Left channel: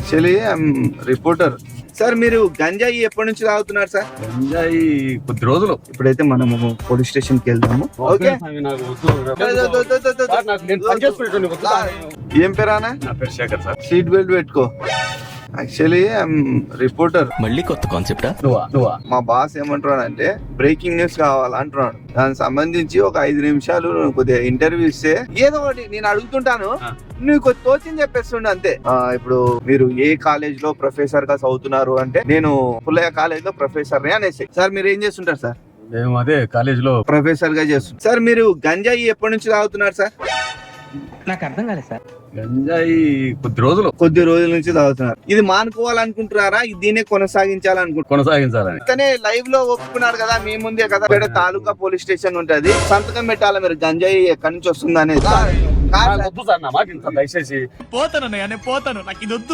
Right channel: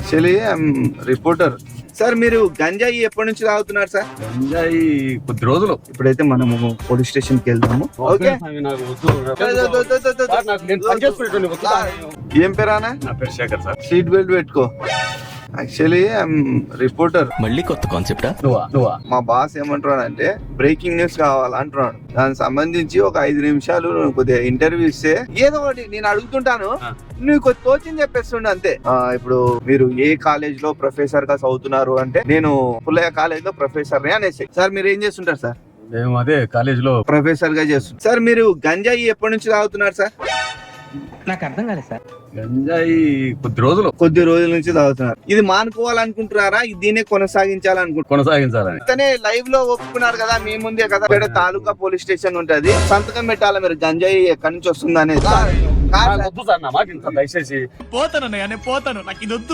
Actually reporter sir. మీరు గంజాయి ఎప్పటి నుంచి తాగుతున్నారు సార్? గంజాయి కొద్ది రోజులు. ఇప్పుడైతే మనము పోలీస్ స్టేషన్ కి వెళ్దాము. ఓకే. ఏం పేరానా? నా పేరు శేఖర్ సార్. సీట్ బెల్ట్ పెట్టుకో. Actually reporter. మళ్ళీ కొత్త కాన్సెప్టా? మా బాస్ ఏమంటున్నాడు అంటే బ్రేకింగ్ న్యూస్ కావాలంటున్నాడు. దానికి సంబంధించి ఒక 5 నిమిషాలు కొద్దిగా ఇంటర్వ్యూ ఇస్తే ఏదో ఒకటి నేను అడుగుతుంటాను, నువ్వు కొద్ది కోచింగ్ చెప్పేస్తుండే అంతే. ఇప్పుడు మీరు ఏ కాలేజ్ లో ప్రొఫెసర్ గా చదువుతున్నారు అంటే నేను పుల్లయ్య కాలేజ్ లో ప్రొఫెసర్ అనేసి. సార్ మీరు ఏం చేస్తుంటారు సార్? మేము అదే కాలేజ్ లో ప్రొఫెసర్ గా చేస్తుంటారు. సార్ మీరు గంజాయి ఎప్పటి నుంచి తాగుతున్నారు సార్? నాకు అర్థం కాలేదు సార్. గంజాయి కొద్ది రోజులు. కొద్ది రోజుల నుంచి తాగుతున్నారు. ఇది మానుకోవాలనుకుంటున్నారా? దీన్ని కొనసాగించాలనుకుంటున్నారు? కొనసాగించాలని. ఇతనే లైవ్ లో ఒప్పుకున్నారు కదా మీ ముందే కదా. ఇక్కడ తాలూకా పోలీస్ స్టేషన్ ఉంటది, సంతకం పెట్టాలి మీరు గంజాయి ఎక్కడి నుంచి వస్తుంది అనేది. వద్దు సార్, నా మాట ఇంత దయచేసి. పోతాను నాకు ఇది వద్దు.